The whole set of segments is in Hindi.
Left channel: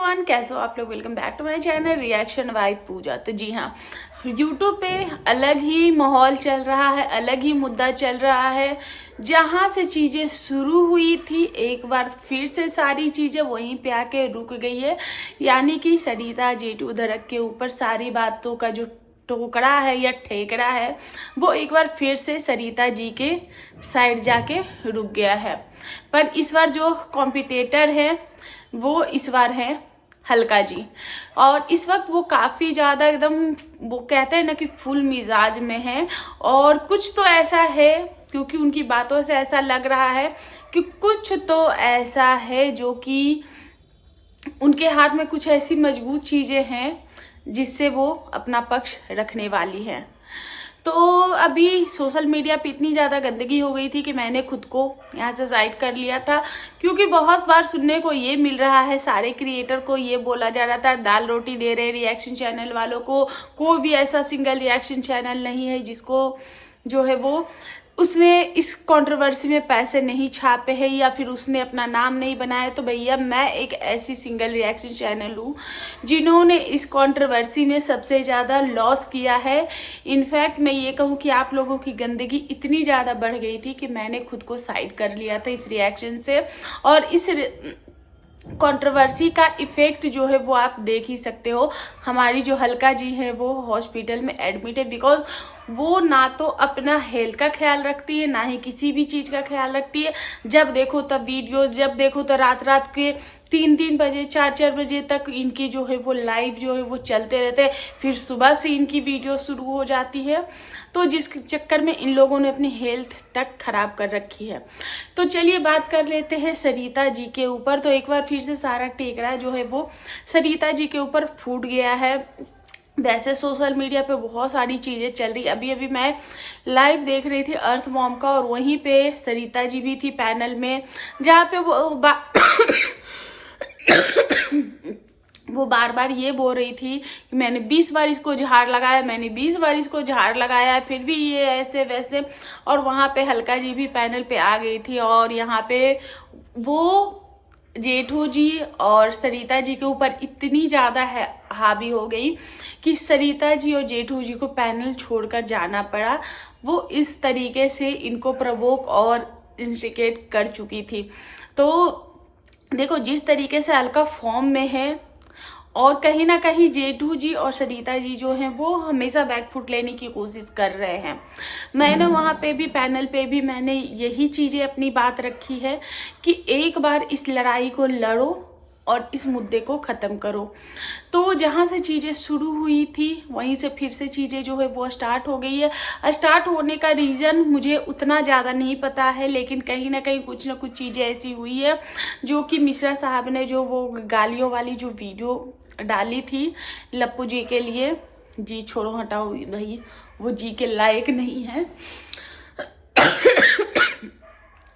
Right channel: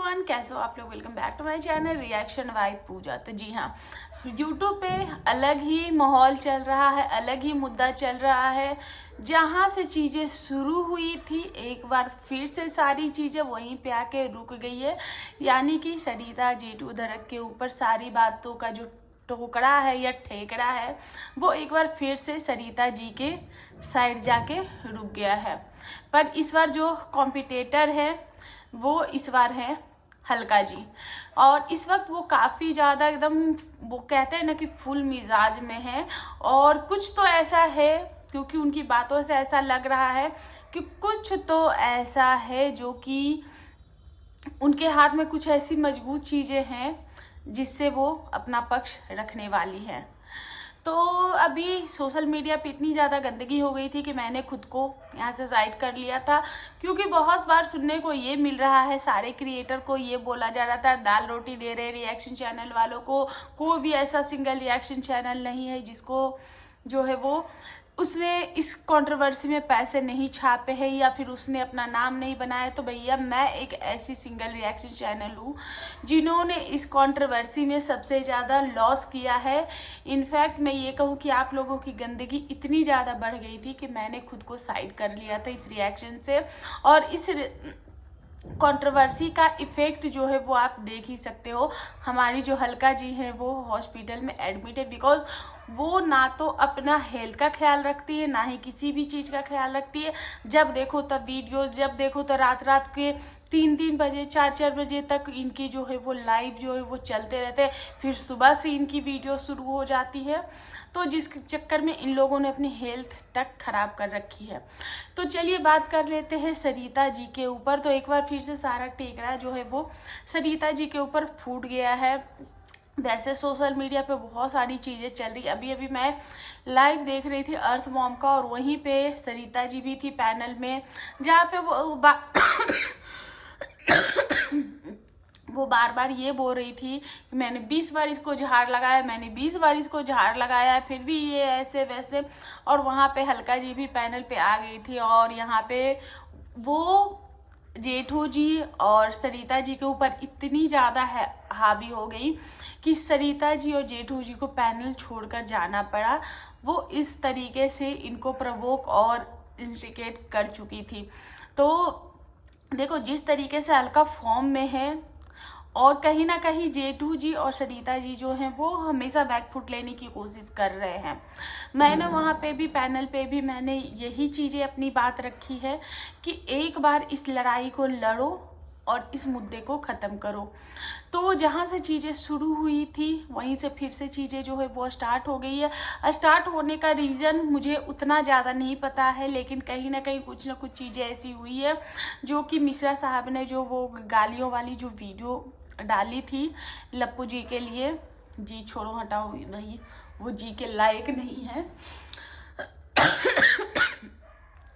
एवरीवन, कैसे हो आप लोग। Welcome back to my channel reaction vibe Pooja. तो जी हाँ, यूट्यूब पे अलग ही माहौल चल रहा है, अलग ही मुद्दा चल रहा है। जहाँ से चीज़ें शुरू हुई थी एक बार फिर से सारी चीज़ें वहीं पे आके रुक गई है। यानी कि सरिता जेठू धड़क के ऊपर सारी बातों का जो टोकरा है या ठेकरा है वो एक बार फिर से सरिता जी के साइड जाके रुक गया है। पर इस बार जो कॉम्पिटिटर है वो इस बार है हल्का जी। और इस वक्त वो काफ़ी ज़्यादा एकदम, वो कहते हैं ना कि फुल मिजाज में है। और कुछ तो ऐसा है, क्योंकि उनकी बातों से ऐसा लग रहा है कि कुछ तो ऐसा है जो कि उनके हाथ में कुछ ऐसी मजबूत चीज़ें हैं जिससे वो अपना पक्ष रखने वाली हैं। तो अभी सोशल मीडिया पे इतनी ज़्यादा गंदगी हो गई थी कि मैंने खुद को यहाँ से साइड कर लिया था, क्योंकि बहुत बार सुनने को ये मिल रहा है, सारे क्रिएटर को ये बोला जा रहा था दाल रोटी दे रहे रिएक्शन चैनल वालों को। कोई भी ऐसा सिंगल रिएक्शन चैनल नहीं है जिसको जो है वो उसने इस कंट्रोवर्सी में पैसे नहीं छापे हैं या फिर उसने अपना नाम नहीं बनाया। तो भैया मैं एक ऐसी सिंगल रिएक्शन चैनल हूँ जिन्होंने इस कंट्रोवर्सी में सबसे ज़्यादा लॉस किया है। इनफैक्ट मैं ये कहूँ कि आप लोगों की गंदगी इतनी ज़्यादा बढ़ गई थी कि मैंने खुद को साइड कर लिया था इस रिएक्शन से। और इस कंट्रोवर्सी का इफेक्ट जो है वो आप देख ही सकते हो। हमारी जो हल्का जी है वो हॉस्पिटल में एडमिट है, बिकॉज वो ना तो अपना हेल्थ का ख्याल रखती है ना ही किसी भी चीज़ का ख्याल रखती है। जब देखो तब वीडियो, जब देखो तो रात रात के 3-3 बजे 4-4 बजे तक इनकी जो है वो लाइव जो है वो चलते रहते हैं। फिर सुबह से इनकी वीडियो शुरू हो जाती है, तो जिस चक्कर में इन लोगों ने अपनी हेल्थ तक खराब कर रखी है। तो चलिए बात कर लेते हैं सरिता जी के ऊपर। तो एक बार फिर से सारा टेकरा जो है वो सरिता जी के ऊपर फूट गया है। वैसे सोशल मीडिया पे बहुत सारी चीज़ें चल रही। अभी अभी मैं लाइव देख रही थी अर्थ मॉम का, और वहीं पे सरिता जी भी थी पैनल में, जहाँ पे वो बार बार ये बोल रही थी कि मैंने 20 बार इसको झाड़ लगाया, मैंने 20 बार इसको झाड़ लगाया, फिर भी ये ऐसे वैसे। और वहाँ पे हल्का जी भी पैनल पे आ गई थी, और यहाँ पे वो जेठू जी और सरिता जी के ऊपर इतनी ज़्यादा हावी हो गई कि सरिता जी और जेठू जी को पैनल छोड़कर जाना पड़ा। वो इस तरीके से इनको प्रवोक और इंस्टिगेट कर चुकी थी। तो देखो जिस तरीके से हल्का फॉर्म में है, और कहीं ना कहीं जेठू जी और सरिता जी जो हैं वो हमेशा बैकफुट लेने की कोशिश कर रहे हैं। मैंने वहाँ पे भी पैनल पे भी मैंने यही चीज़ें अपनी बात रखी है कि एक बार इस लड़ाई को लड़ो और इस मुद्दे को ख़त्म करो। तो जहाँ से चीज़ें शुरू हुई थी वहीं से फिर से चीज़ें जो है वो स्टार्ट हो गई है। स्टार्ट होने का रीज़न मुझे उतना ज़्यादा नहीं पता है, लेकिन कहीं ना कहीं कुछ ना कुछ चीज़ें ऐसी हुई है जो कि मिश्रा साहब ने जो वो गालियों वाली जो वीडियो डाली थी लप्पू जी के लिए। जी छोड़ो हटाओ भाई, वो जी के लायक नहीं है।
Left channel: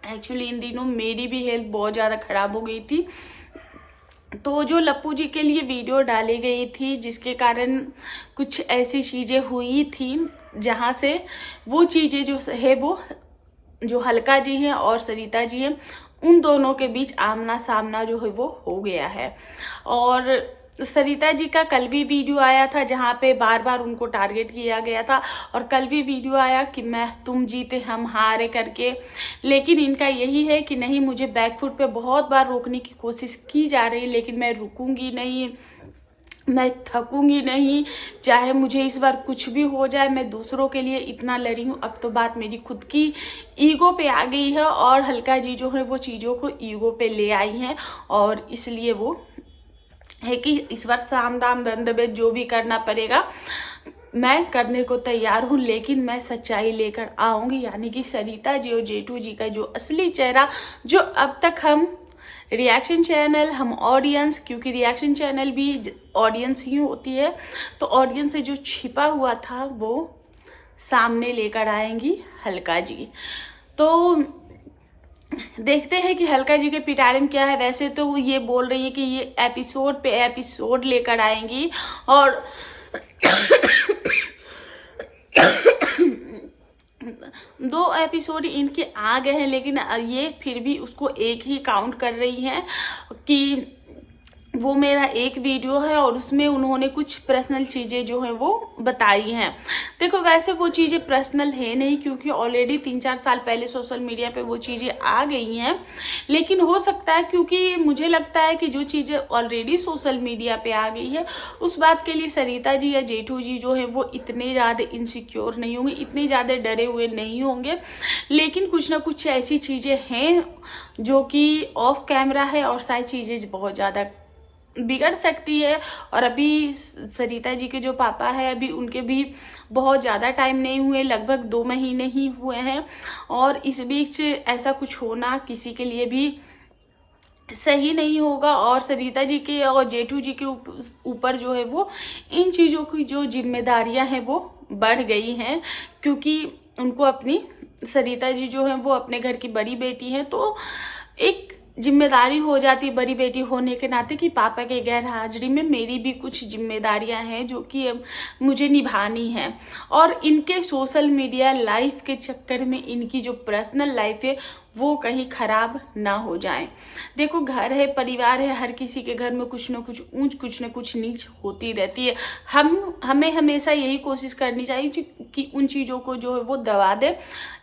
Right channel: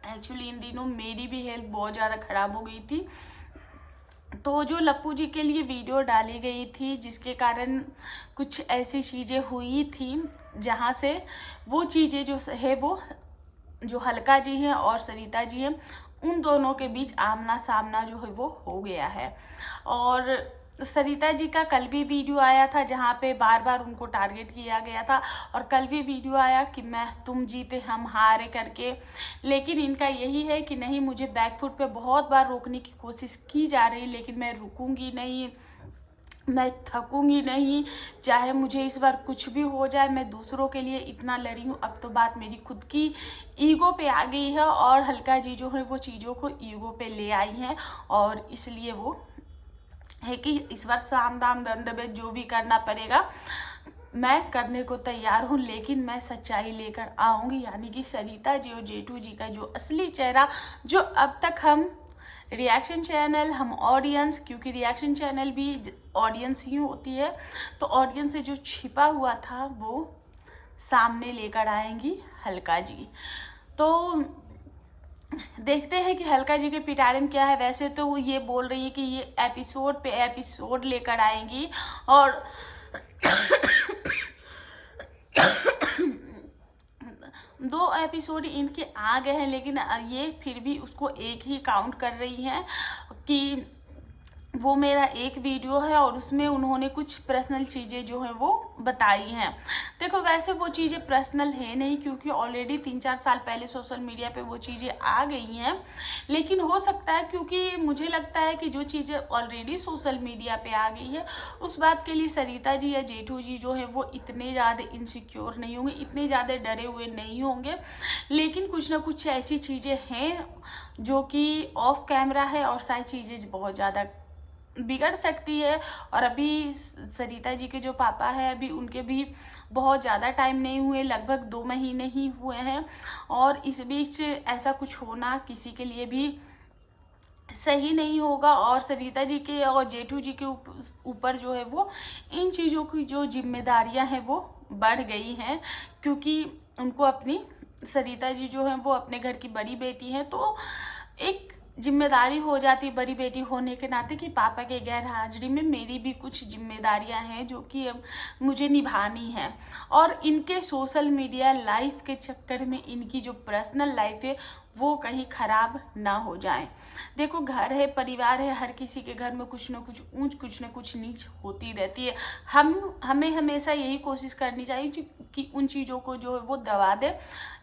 एक्चुअली इन दिनों मेरी भी हेल्थ बहुत ज़्यादा ख़राब हो गई थी, तो जो लप्पू जी के लिए वीडियो डाली गई थी जिसके कारण कुछ ऐसी चीज़ें हुई थी जहाँ से वो चीज़ें जो है वो जो हल्का जी हैं और सरिता जी हैं उन दोनों के बीच आमना सामना जो है वो हो गया है। और सरिता जी का कल भी वीडियो आया था जहाँ पे बार बार उनको टारगेट किया गया था, और कल भी वीडियो आया कि तुम जीते हम हारे करके। लेकिन इनका यही है कि नहीं, मुझे बैकफुट पे बहुत बार रोकने की कोशिश की जा रही है लेकिन मैं रुकूंगी नहीं, मैं थकूंगी नहीं, चाहे मुझे इस बार कुछ भी हो जाए। मैं दूसरों के लिए इतना लड़ी हूँ, अब तो बात मेरी खुद की ईगो पे आ गई है। और हल्का जी जो है वो चीज़ों को ईगो पे ले आई हैं, और इसलिए वो है कि इस बार साम दाम दंड भेद जो भी करना पड़ेगा मैं करने को तैयार हूँ, लेकिन मैं सच्चाई लेकर आऊँगी। यानी कि सरिता जी और जेठू जी का जो असली चेहरा, जो अब तक हम रिएक्शन चैनल, हम ऑडियंस, क्योंकि रिएक्शन चैनल भी ऑडियंस ही होती है, तो ऑडियंस से जो छिपा हुआ था वो सामने लेकर आएंगी हल्का जी। तो देखते हैं कि हल्का जी के पिटारे में क्या है। वैसे तो वो ये बोल रही है कि ये एपिसोड पे एपिसोड लेकर आएंगी, और 2 एपिसोड इनके आ गए हैं, लेकिन ये फिर भी उसको एक ही काउंट कर रही हैं कि वो मेरा एक वीडियो है और उसमें उन्होंने कुछ पर्सनल चीज़ें जो हैं वो बताई हैं। देखो वैसे वो चीज़ें पर्सनल है नहीं, क्योंकि ऑलरेडी 3-4 साल पहले सोशल मीडिया पे वो चीज़ें आ गई हैं। लेकिन हो सकता है, क्योंकि मुझे लगता है कि जो चीज़ें ऑलरेडी सोशल मीडिया पे आ गई है उस बात के लिए सरिता जी या जेठू जी जो है वो इतने ज़्यादा इनसिक्योर नहीं होंगे, इतने ज़्यादा डरे हुए नहीं होंगे। लेकिन कुछ ना कुछ ऐसी चीज़ें हैं जो कि ऑफ कैमरा है और सारी चीज़ें बहुत ज़्यादा बिगड़ सकती है। और अभी सरिता जी के जो पापा है अभी उनके भी बहुत ज़्यादा टाइम नहीं हुए, लगभग 2 महीने ही हुए हैं। और इस बीच ऐसा कुछ होना किसी के लिए भी सही नहीं होगा। और सरिता जी के और जेठू जी के ऊपर जो है वो इन चीज़ों की जो जिम्मेदारियां हैं वो बढ़ गई हैं, क्योंकि उनको अपनी सरिता जी जो है वो अपने घर की बड़ी बेटी हैं, तो एक जिम्मेदारी हो जाती है बड़ी बेटी होने के नाते कि पापा के गैर हाजिरी में मेरी भी कुछ जिम्मेदारियां हैं जो कि अब मुझे निभानी है। और इनके सोशल मीडिया लाइफ के चक्कर में इनकी जो पर्सनल लाइफ है वो कहीं खराब ना हो जाए। देखो घर है, परिवार है, हर किसी के घर में कुछ न कुछ ऊंच कुछ न कुछ नीच होती रहती है। हमें हमेशा यही कोशिश करनी चाहिए कि उन चीज़ों को जो है वो दबा दे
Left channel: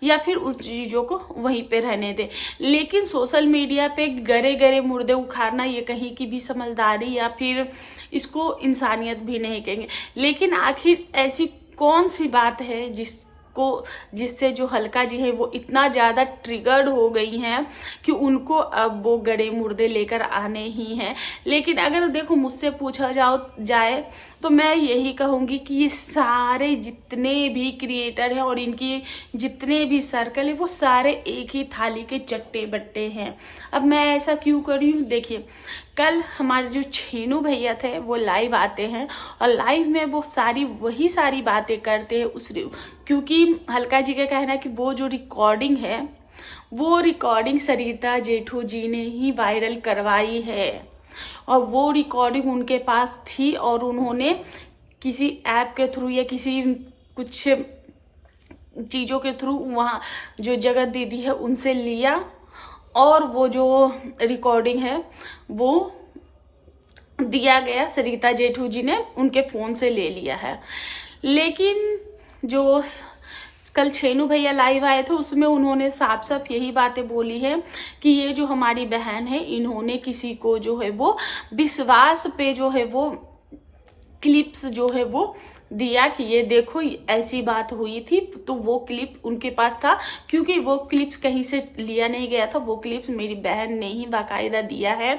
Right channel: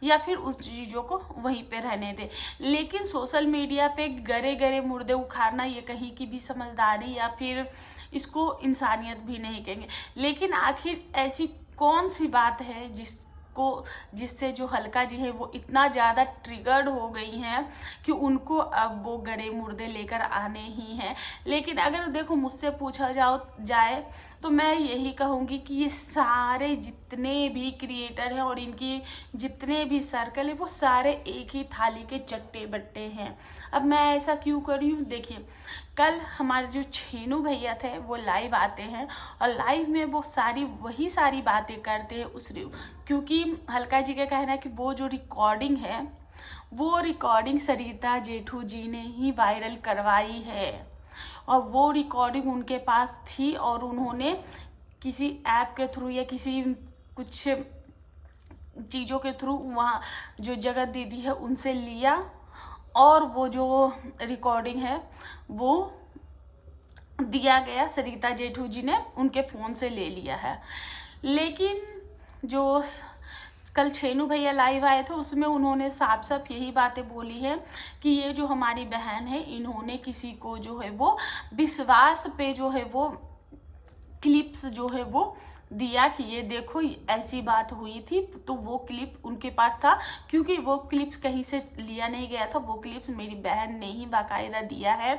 या फिर उस चीज़ों को वहीं पे रहने दे। लेकिन सोशल मीडिया पे गरे गरे मुर्दे उखाड़ना ये कहीं की भी समझदारी या फिर इसको इंसानियत भी नहीं कहेंगे। लेकिन आखिर ऐसी कौन सी बात है जिससे जो हल्का जी है वो इतना ज़्यादा ट्रिगर्ड हो गई हैं कि उनको अब वो गड़े मुर्दे लेकर आने ही हैं। लेकिन अगर देखो मुझसे पूछा जाए तो मैं यही कहूँगी कि ये सारे जितने भी क्रिएटर हैं और इनकी जितने भी सर्कल है वो सारे एक ही थाली के चट्टे बट्टे हैं। अब मैं ऐसा क्यों कर रही हूँ, देखिए कल हमारे जो छेनू भैया थे वो लाइव आते हैं और लाइव में वो वही सारी बातें करते हैं क्योंकि हल्का जी का कहना है कि वो जो रिकॉर्डिंग है वो रिकॉर्डिंग सरिता जेठू जी ने ही वायरल करवाई है और वो रिकॉर्डिंग उनके पास थी और उन्होंने किसी ऐप के थ्रू या किसी कुछ चीज़ों के थ्रू वहाँ जो जगत दीदी है उनसे लिया और वो जो रिकॉर्डिंग है वो दिया गया, सरिता जेठू जी ने उनके फ़ोन से ले लिया है। लेकिन जो कल छेनू भैया लाइव आए थे उसमें उन्होंने साफ साफ यही बातें बोली है कि ये जो हमारी बहन है इन्होंने किसी को जो है वो विश्वास पे जो है वो क्लिप्स जो है वो दिया कि ये देखो ऐसी बात हुई थी, तो वो क्लिप उनके पास था क्योंकि वो क्लिप्स कहीं से लिया नहीं गया था, वो क्लिप्स मेरी बहन ने ही बाकायदा दिया है।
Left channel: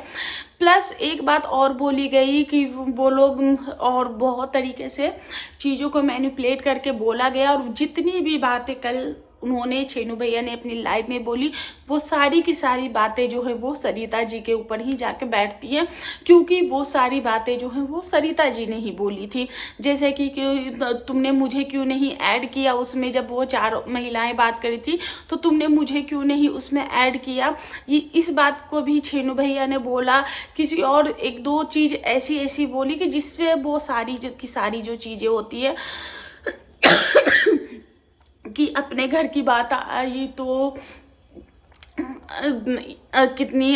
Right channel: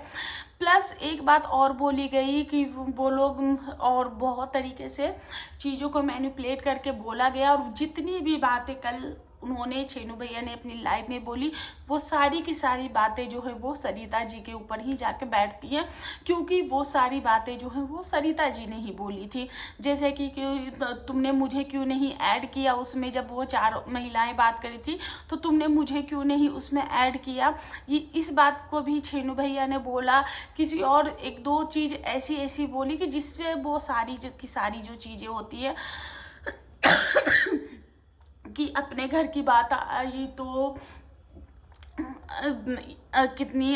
प्लस एक बात और बोली गई कि वो लोग और बहुत तरीके से चीज़ों को मैनिपुलेट करके बोला गया और जितनी भी बातें कल उन्होंने छेनू भैया ने अपनी लाइव में बोली वो सारी की सारी बातें जो है वो सरिता जी के ऊपर ही जाके बैठती हैं, क्योंकि वो सारी बातें जो हैं वो सरिता जी ने ही बोली थी। जैसे कि तुमने मुझे क्यों नहीं ऐड किया उसमें, जब वो 4 महिलाएं बात करी थी तो तुमने मुझे क्यों नहीं उसमें ऐड किया। ये इस बात को भी छेनू भैया ने बोला। किसी और 1-2 चीज़ ऐसी बोली कि जिससे वो सारी की सारी जो चीज़ें होती है कि अपने घर की बात आई तो कितनी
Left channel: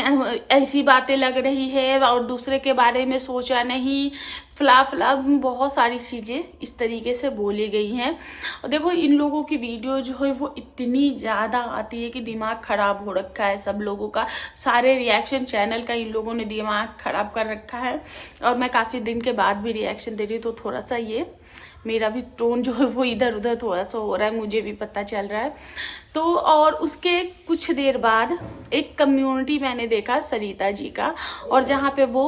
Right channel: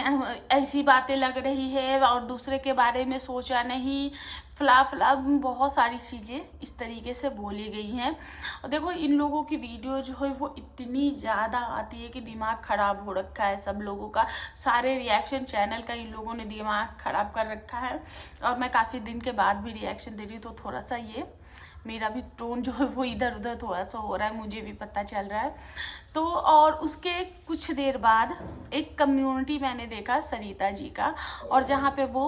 ऐसी बातें लग रही है और दूसरे के बारे में सोचा नहीं, फला बहुत सारी चीज़ें इस तरीके से बोली गई हैं। और देखो इन लोगों की वीडियो जो है वो इतनी ज़्यादा आती है कि दिमाग ख़राब हो रखा है सब लोगों का, सारे रिएक्शन चैनल का इन लोगों ने दिमाग ख़राब कर रखा है। और मैं काफ़ी दिन के बाद भी रिएक्शन दे रही हूँ तो थोड़ा सा ये मेरा भी टोन जो है वो इधर उधर थोड़ा सा हो रहा है, मुझे भी पता चल रहा है। तो और उसके कुछ देर बाद एक कम्युनिटी मैंने देखा सरिता जी का, और जहाँ पे वो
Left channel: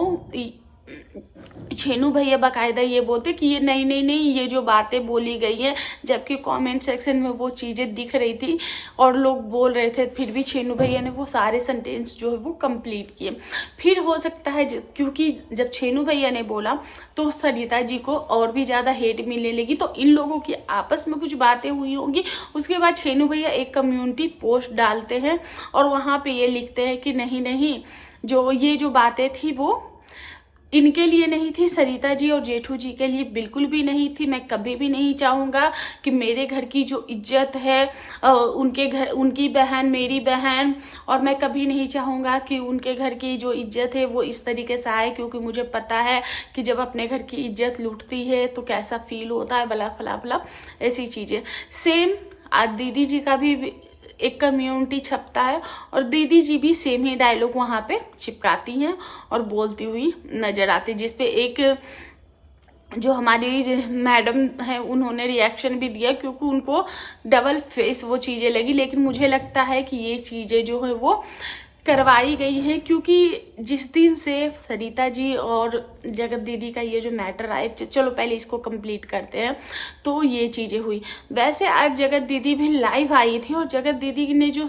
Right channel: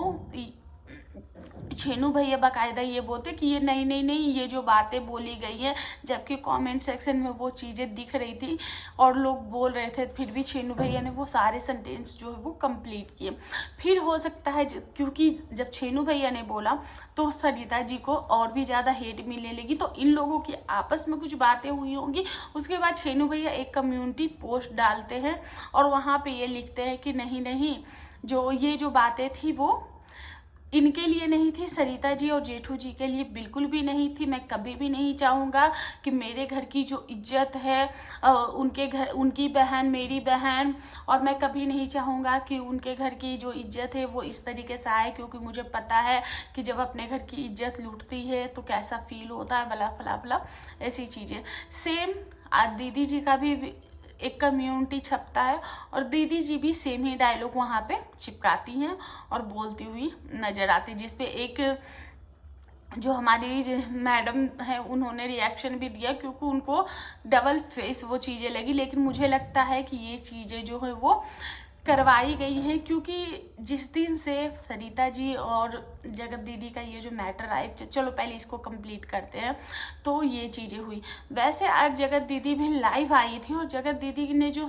छेनू भैया बाकायदा ये बोलते कि ये नहीं ये जो बातें बोली गई हैं, जबकि कमेंट सेक्शन में वो चीज़ें दिख रही थी और लोग बोल रहे थे, फिर भी छेनू भैया ने वो सारे सेंटेंस जो है वो कंप्लीट किए। फिर हो सकता है क्योंकि जब छेनू भैया ने बोला तो सरिता जी को और भी ज़्यादा हेट मिलने लगी, तो इन लोगों की आपस में कुछ बातें हुई होंगी। उसके बाद छेनू भैया एक कम्युनिटी पोस्ट डालते हैं और वहाँ पर ये लिखते हैं कि नहीं जो ये जो बातें थी वो इनके लिए नहीं थी, सरिता जी और जेठू जी के लिए बिल्कुल भी नहीं थी। मैं कभी भी नहीं चाहूँगा कि मेरे घर की जो इज्जत है उनके घर, उनकी बहन मेरी बहन, और मैं कभी नहीं चाहूँगा कि उनके घर की जो इज्जत है वो इस तरीके से आए, क्योंकि मुझे पता है कि जब अपने घर की इज्जत लूटती है तो कैसा फील होता है, बला फला फला ऐसी चीज़ें। सेम आज दीदी जी का भी एक कम्युनिटी छपता है और दीदी जी भी सेम ही डायलॉग वहाँ पे चिपकाती हैं और बोलती हुई नजर आती, जिसपे एक जो हमारी मैडम है उन्होंने रिएक्शन भी दिया, क्योंकि उनको डबल फेस वो चीज़ें लगी। लेकिन मुझे लगता है कि ये चीज़ें जो है वो करवाई गई है, क्योंकि जिस दिन से सरिता जी और जगत दीदी का ये जो मैटर आए, चलो पहले इसको कंप्लीट करते हैं, तो ये चीज़ें हुई। वैसे आज जगत दीदी भी लाइव आई थी और जगत दीदी ने जो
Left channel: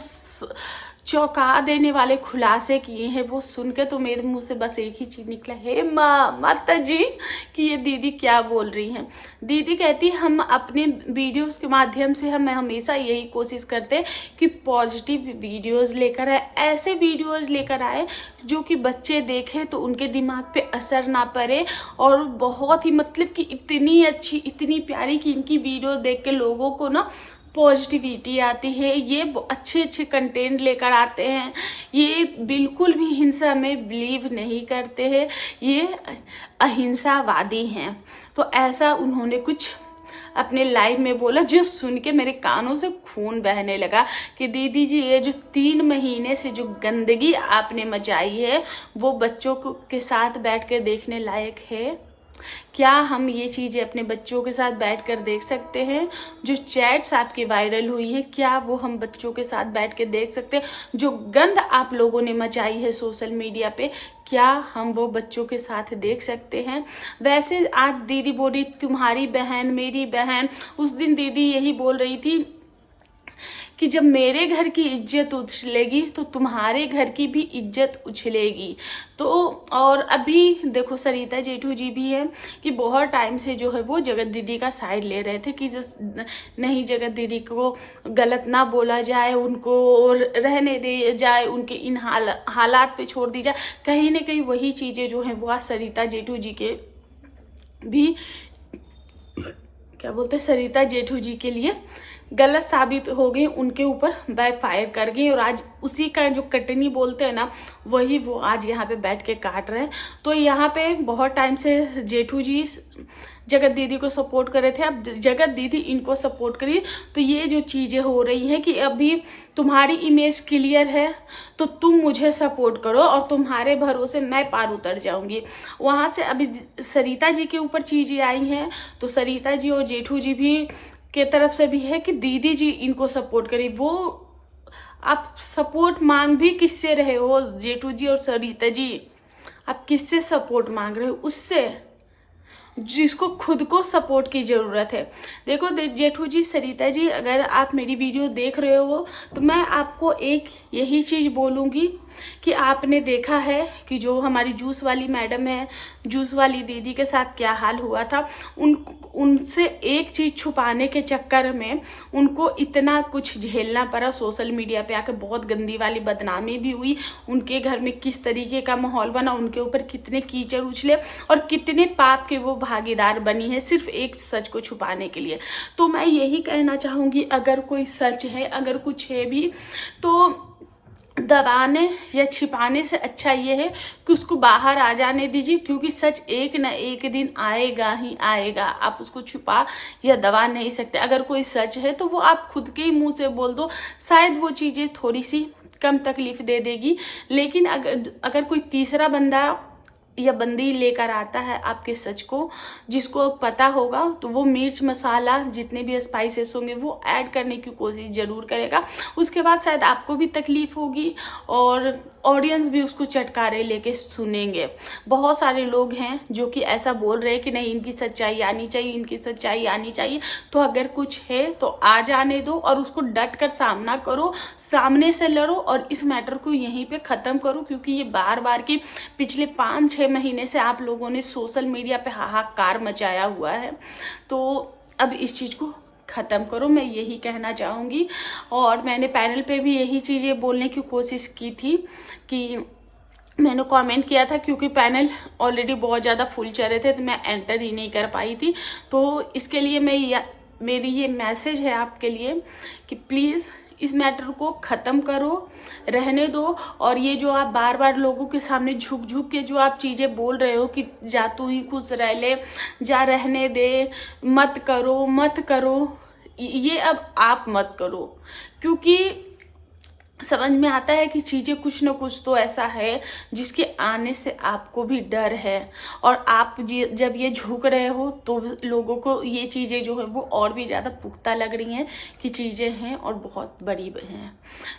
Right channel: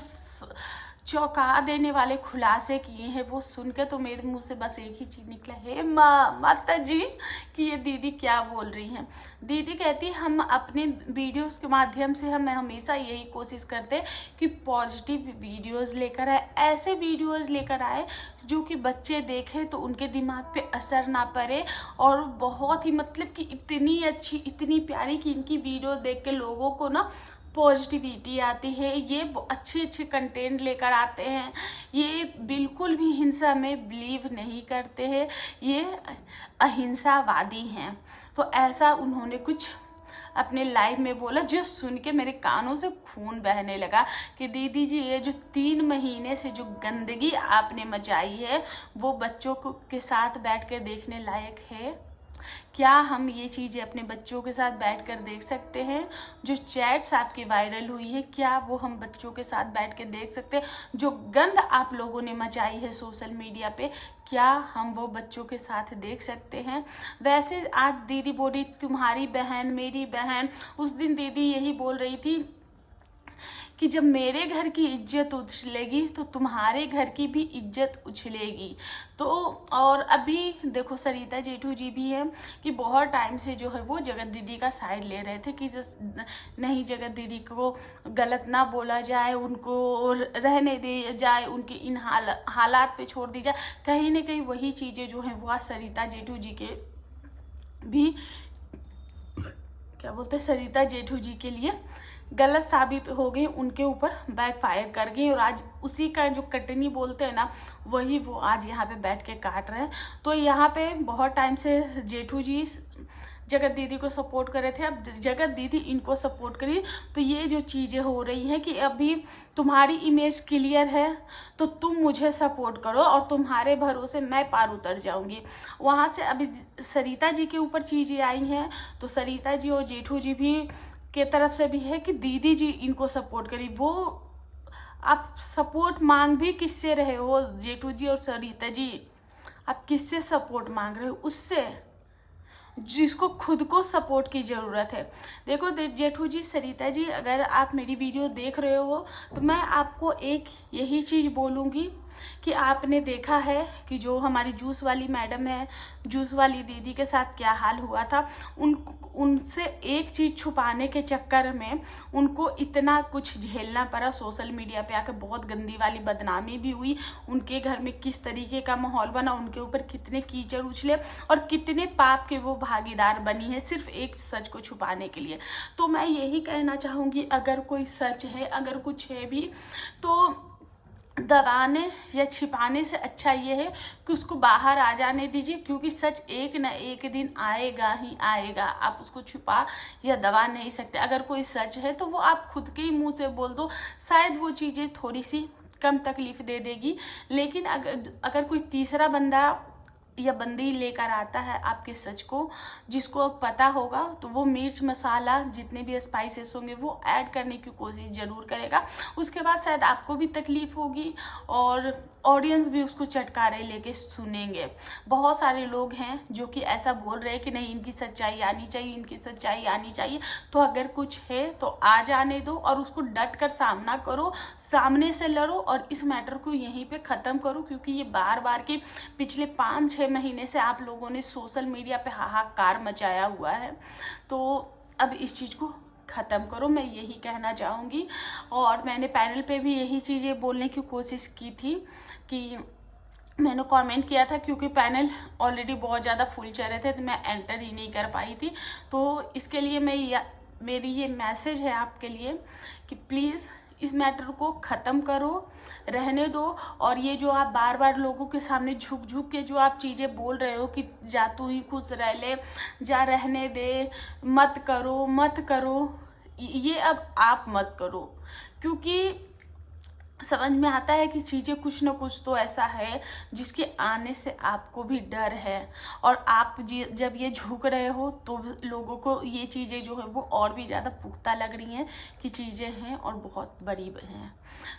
चौंका देने वाले खुलासे किए हैं वो सुन के तो मेरे मुंह से बस एक ही चीज निकला, हे माता जी, कि ये दीदी क्या बोल रही हैं। दीदी कहती हम अपने वीडियोस के माध्यम से हम हमेशा यही कोशिश करते हैं कि पॉजिटिव वीडियोस लेकर आए, ऐसे वीडियोस लेकर आए जो कि बच्चे देखें तो उनके दिमाग पे असर ना पड़े, और बहुत ही मतलब कि इतनी अच्छी इतनी प्यारी कि इनकी वीडियो देख के लोगों को ना पॉजिटिविटी आती है। ये अच्छे अच्छे कंटेंट लेकर आते हैं, ये बिल्कुल भी हिंसा में बिलीव नहीं करते हैं, ये अहिंसावादी हैं। तो ऐसा उन्होंने कुछ अपने लाइव में बोला, जो सुन के मेरे कानों से खून बहने लगा कि दीदी जी ये जो 3 महीने से जो गंदगी आपने मचाई है वो बच्चों के साथ बैठ कर देखने लायक है क्या? हम ये चीज़ें अपने बच्चों के साथ बैठकर देख सकते हैं? जो चैट्स आपकी वायरल हुई है क्या वो हम बच्चों के साथ बैठ के देख सकते हैं? जो गंद आप लोगों ने मचाई है सोशल मीडिया पे क्या हम वो बच्चों के साथ देख सकते हैं? वैसे आज दीदी बोली तुम्हारी बहन मेरी बहन, उस दिन दीदी यही बोल रही थी कि जब मेरे घर की इज्जत उछलेगी तो तुम्हारे घर की भी इज्जत उछलेगी। तो और अभी देखो सरिता जेठू जी भी है कि बहुत टाइम से जो है वो जगत दीदी का साइड ले रहे थे कि नहीं जगत दीदी को गलत ना बोला जाए, उनको रहने दे जाए, उनके इन हालात पे छोड़ दी जाए। कहीं ना कहीं वही चीज़ें जो है वो आज सरिता जेठू जी के भी क्या बोलते हैं सरिता जेठू जी के लिए गलत साबित हो गई, उनके ऊपर बैकफायर कर गई, और आज उसी का जो कटनी बोलते हैं ना वही वो आज यहाँ पे बैठ के काट रहे हैं। तो यहाँ पे बहुत टाइम से जेठू जी जगत दीदी को सपोर्ट कर रहे थे, अब जगत दीदी इनको सपोर्ट करी, तो ये जो चीज़ें हो रही हैं कि अभी तुम्हारी इमेज क्लियर है तो तुम मुझे सपोर्ट करो और तुम्हारे भरोसे मैं पार उतर जाऊंगी। वहाँ से अभी सरिता जी के ऊपर चीज़ें आई हैं तो सरिता जी और जेठू जी भी के तरफ से भी है कि दीदी जी इनको सपोर्ट करी। वो आप सपोर्ट मांग भी किससे रहे हो जेठू जी और सरिता जी? आप किससे सपोर्ट मांग रहे हो? उससे जिसको खुद को सपोर्ट की ज़रूरत है। देखो जेठू जी सरिता जी, अगर आप मेरी वीडियो देख रहे हो तो मैं आपको एक यही चीज़ बोलूँगी कि आपने देखा है कि जो हमारी जूस वाली मैडम है, जूस वाली दीदी के साथ क्या हाल हुआ था। उनसे एक चीज़ छुपाने के चक्कर में उनको इतना कुछ झेलना पड़ा। सोशल मीडिया पे आकर बहुत गंदी वाली बदनामी भी हुई, उनके घर में किस तरीके का माहौल बना, उनके ऊपर कितने कीचड़ उछले और कितने पाप के वो भागीदार बनी है सिर्फ एक सच को छुपाने के लिए। तो मैं यही कहना चाहूँगी, अगर कोई सच है, अगर कुछ है भी तो दबाने या छिपाने से अच्छा ये है कि उसको बाहर आ जाने दीजिए, क्योंकि सच एक न एक दिन आएगा ही आएगा। आप उसको छुपा या दबा नहीं सकते। अगर कोई सच है तो वो आप खुद के ही मुंह से बोल दो, शायद वो चीज़ें थोड़ी सी कम तकलीफ दे देगी। लेकिन अगर कोई तीसरा बंदा या बंदी लेकर आता है आपके सच को, जिसको पता होगा, तो वो मिर्च मसाला जितने भी स्पाइसेस होंगे वो ऐड करने की कोशिश ज़रूर करेगा। उसके बाद शायद आपको भी तकलीफ होगी और ऑडियंस भी उसको चटकारे लेके सुनेंगे। बहुत सारे लोग हैं जो कि ऐसा बोल रहे हैं कि नहीं इनकी सच्चाई आनी चाहिए, इनकी सच्चाई आनी चाहिए। तो अगर कुछ है तो आ जाने दो और उसको डट कर सामना करो, सामने से लड़ो और इस मैटर को यहीं पे ख़त्म करो, क्योंकि ये बार बार की पिछले 5-6 महीने से आप लोगों ने सोशल मीडिया पे हाहाकार मचाया हुआ है। तो अब इस चीज़ को ख़त्म करो, मैं यही कहना चाहूँगी। और मैंने पैनल पे भी यही चीज़ें बोलने की कोशिश की थी कि मैंने कमेंट किया था, क्योंकि पैनल ऑलरेडी बहुत ज़्यादा फुल चल रहे थे तो मैं एंटर ही नहीं कर पाई थी। तो इसके लिए मेरी ये मैसेज है आपके लिए कि प्लीज़ इस मैटर को ख़त्म करो, रहने दो। और ये जो आप बार बार लोगों के सामने झुक झुक के जो आप चीज़ें बोल रहे हो कि जा तू ही खुश रह ले, जा रहने दे, मत करो मत करो, ये अब आप मत करो। क्योंकि समझ में आता है कि चीज़ें कुछ न कुछ तो ऐसा है जिसके आने से आपको भी डर है, और आप जब ये झुक रहे हो तो लोगों को ये चीज़ें जो है वो और भी ज़्यादा पुख्ता लग रही हैं कि चीज़ें हैं और बहुत बड़ी हैं।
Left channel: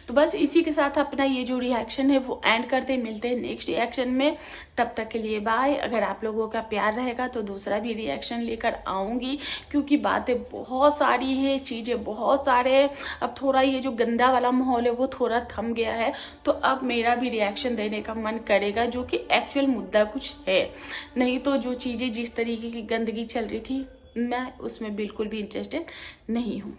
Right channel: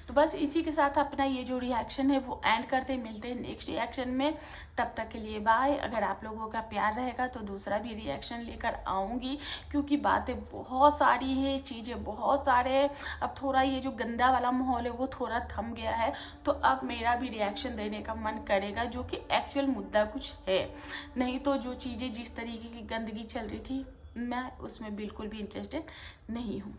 तो बस इसी के साथ अपना ये जो रिएक्शन है वो एंड करते, मिलते हैं नेक्स्ट रिएक्शन में। तब तक के लिए बाय। अगर आप लोगों का प्यार रहेगा तो दूसरा भी रिएक्शन लेकर आऊँगी, क्योंकि बातें बहुत सारी हैं, चीज़ें बहुत सारे। अब थोड़ा ये जो गंदा वाला माहौल है वो थोड़ा थम गया है, तो अब मेरा भी रिएक्शन देने का मन करेगा, जो कि एक्चुअल मुद्दा कुछ है। नहीं तो जो चीज़ें जिस तरीके की गंदगी चल रही थी मैं उसमें बिल्कुल भी इंटरेस्टेड नहीं हूँ।